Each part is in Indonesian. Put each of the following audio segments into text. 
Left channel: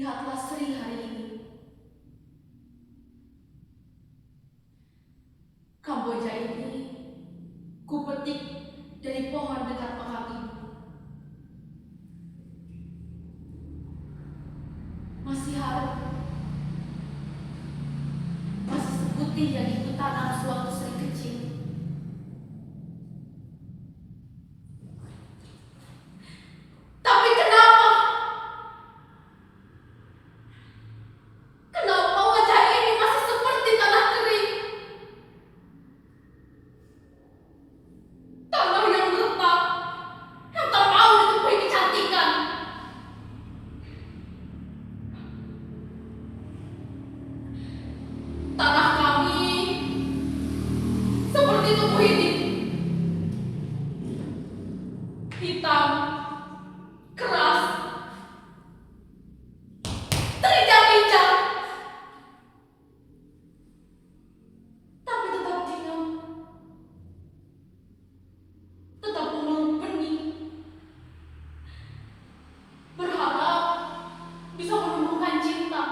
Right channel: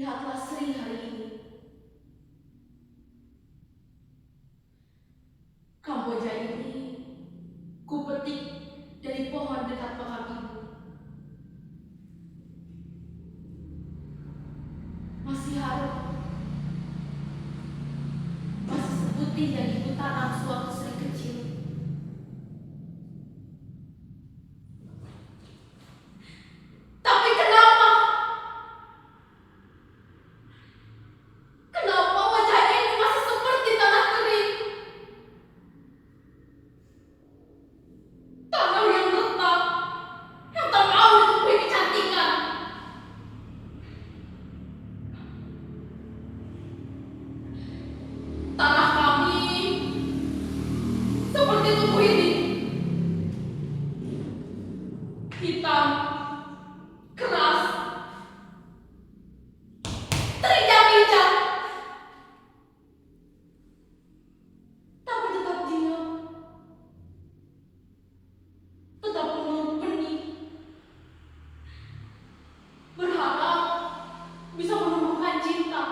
Lihatlah Sri hari ini. Kamboja ini kupetik dari pohon dekat makam ibu. Masih harum, masih seputih yang ibu tanam sewaktu Sri kecil. Tapi kenapa? Kenapa wajah ini masih seperti tanah kering? Tanah yang retak, yang tak mau ditumbuhi kecantikan. Tanah kami seperti tubuh ini, hitam, keras, terinjak-injak, tapi tetap diam, tetap memeluk benih, berharap bisa menumbuhkan cinta.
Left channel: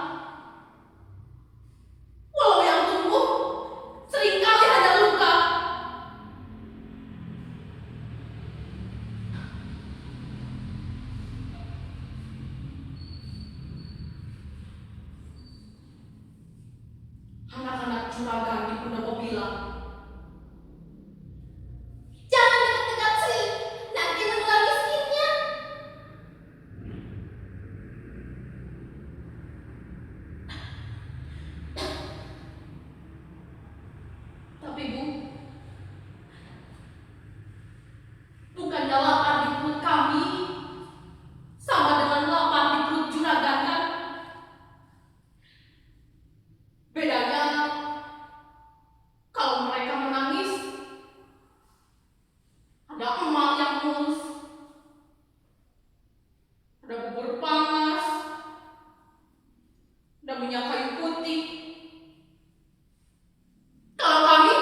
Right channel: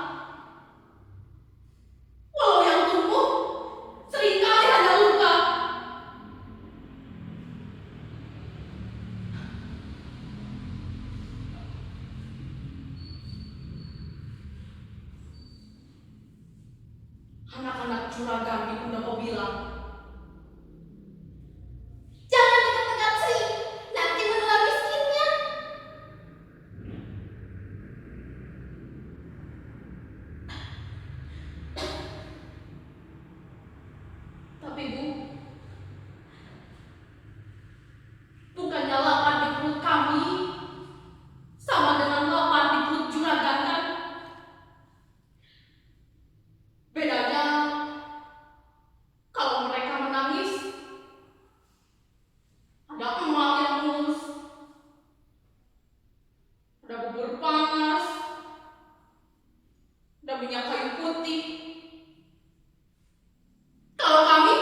Walau yang tumbuh seringkali hanya luka. Anak-anak juragan di pendopo bilang, "Jangan dekat-dekat Sri, nanti menular miskinnya." Tapi Bu, bukannya lapar di perut kami sama dengan lapar di perut juragan kan? Bedanya kalau mereka menangis, ada emak yang mulus, ada bubur panas, ada minyak kayu putih. Kalau kami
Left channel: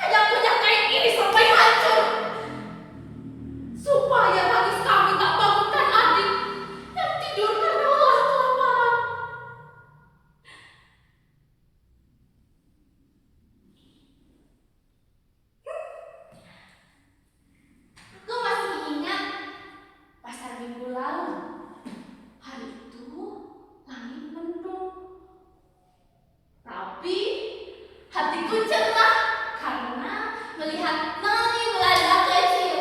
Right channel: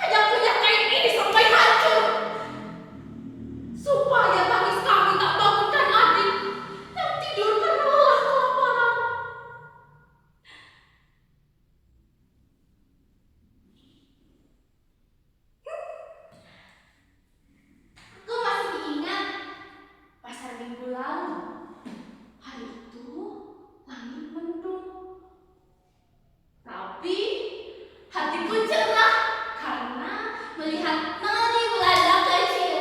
hanya punya kain ini sampai hancur, supaya tangis kami tak bangunkan adik yang tidur karena lelah kelaparan. Aku masih ingat pasar minggu lalu. Hari itu langit mendung, tapi hatiku cerah karena melihat Noni Belanda kecil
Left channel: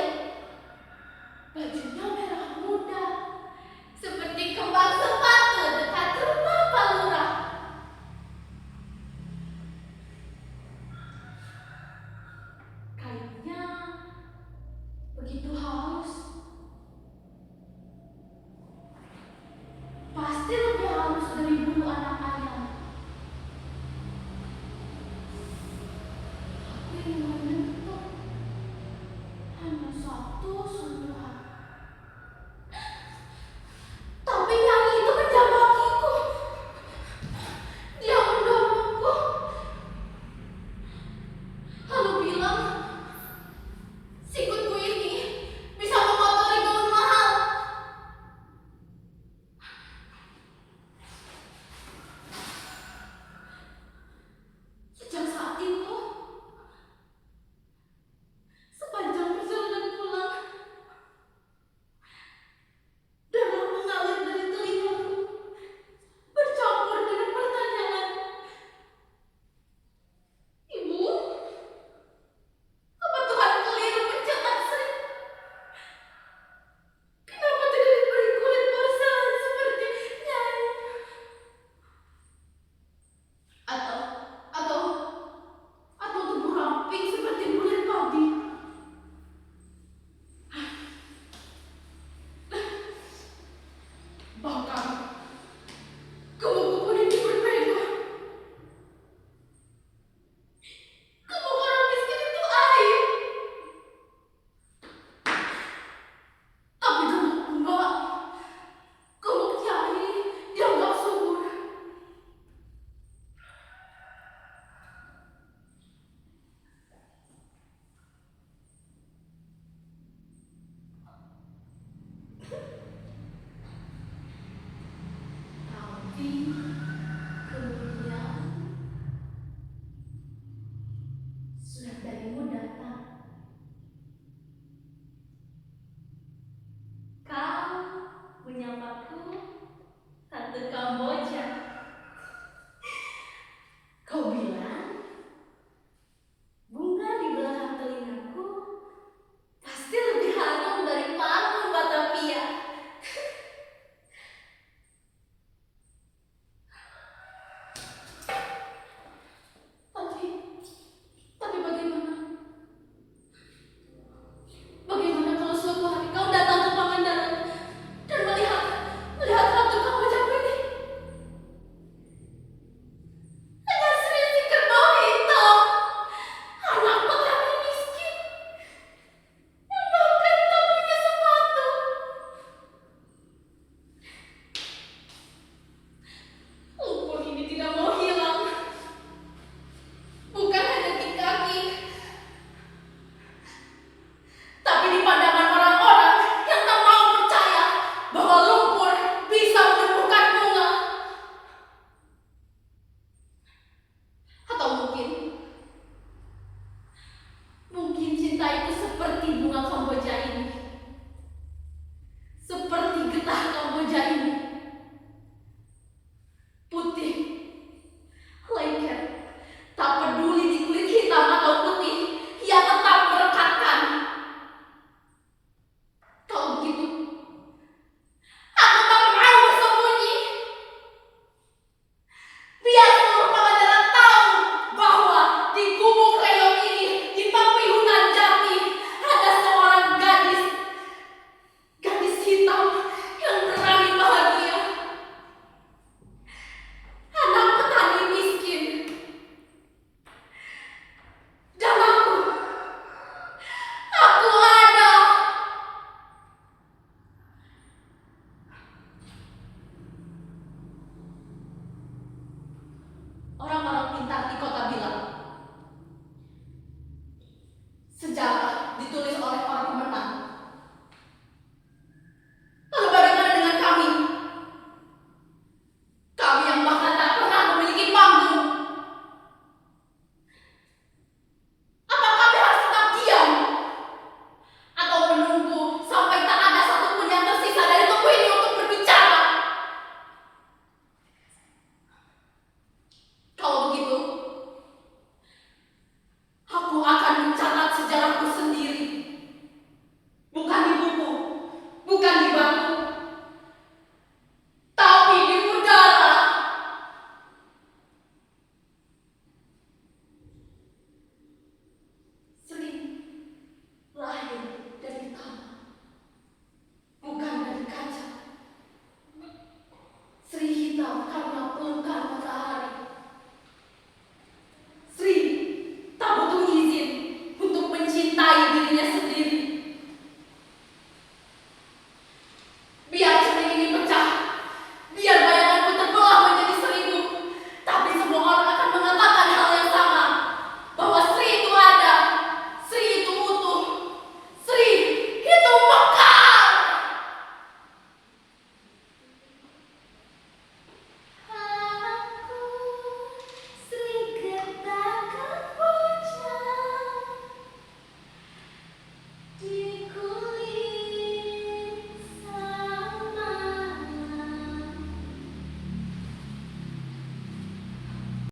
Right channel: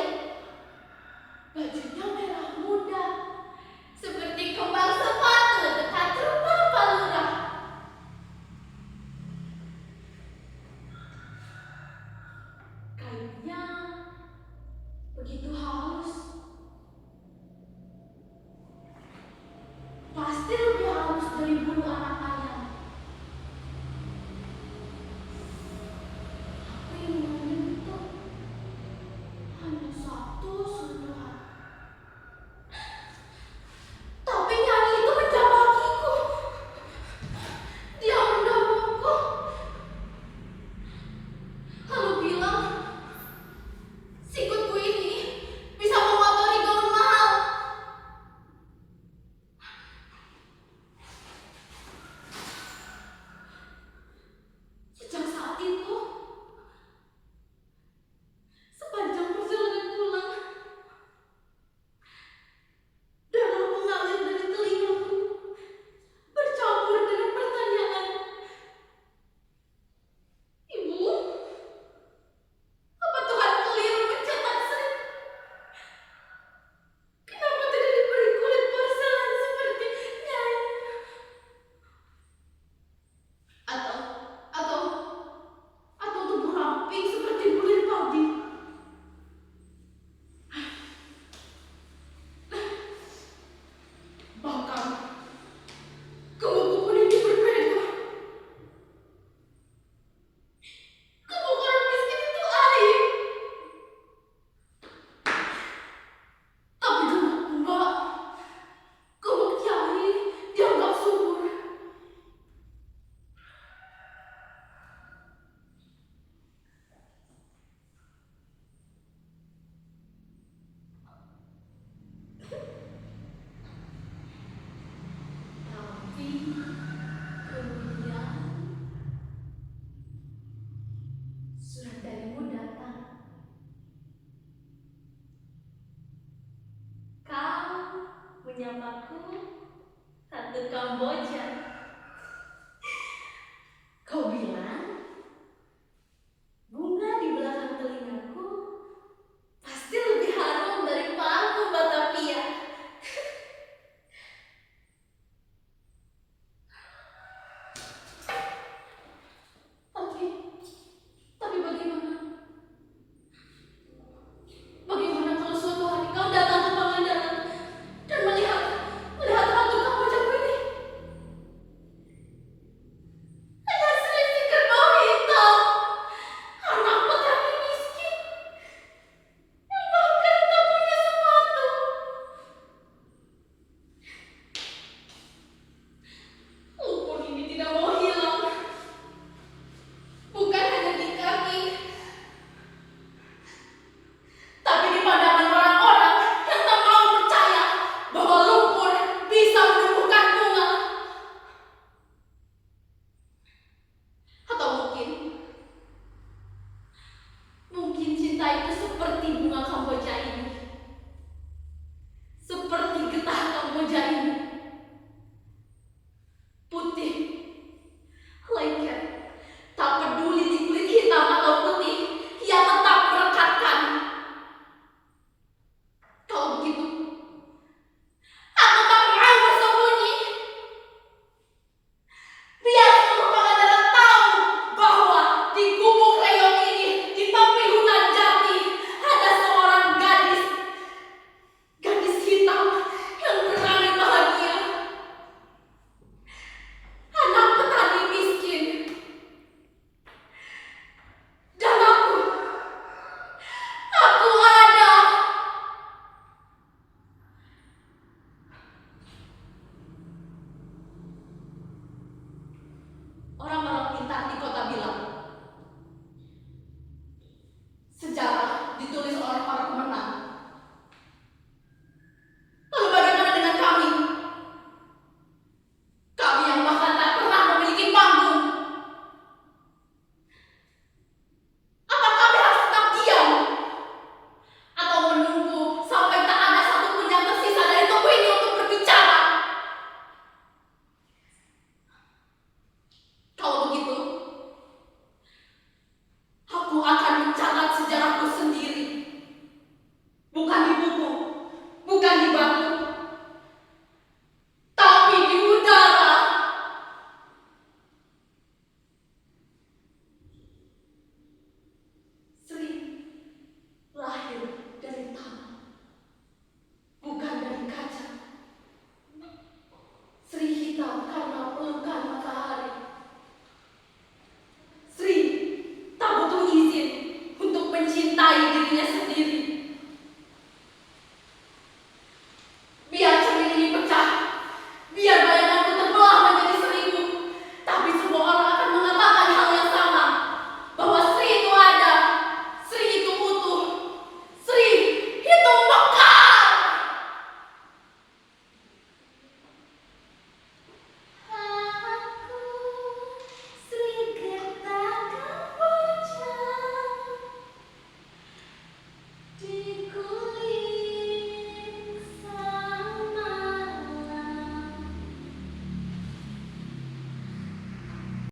menyapaku Tante Kamboja.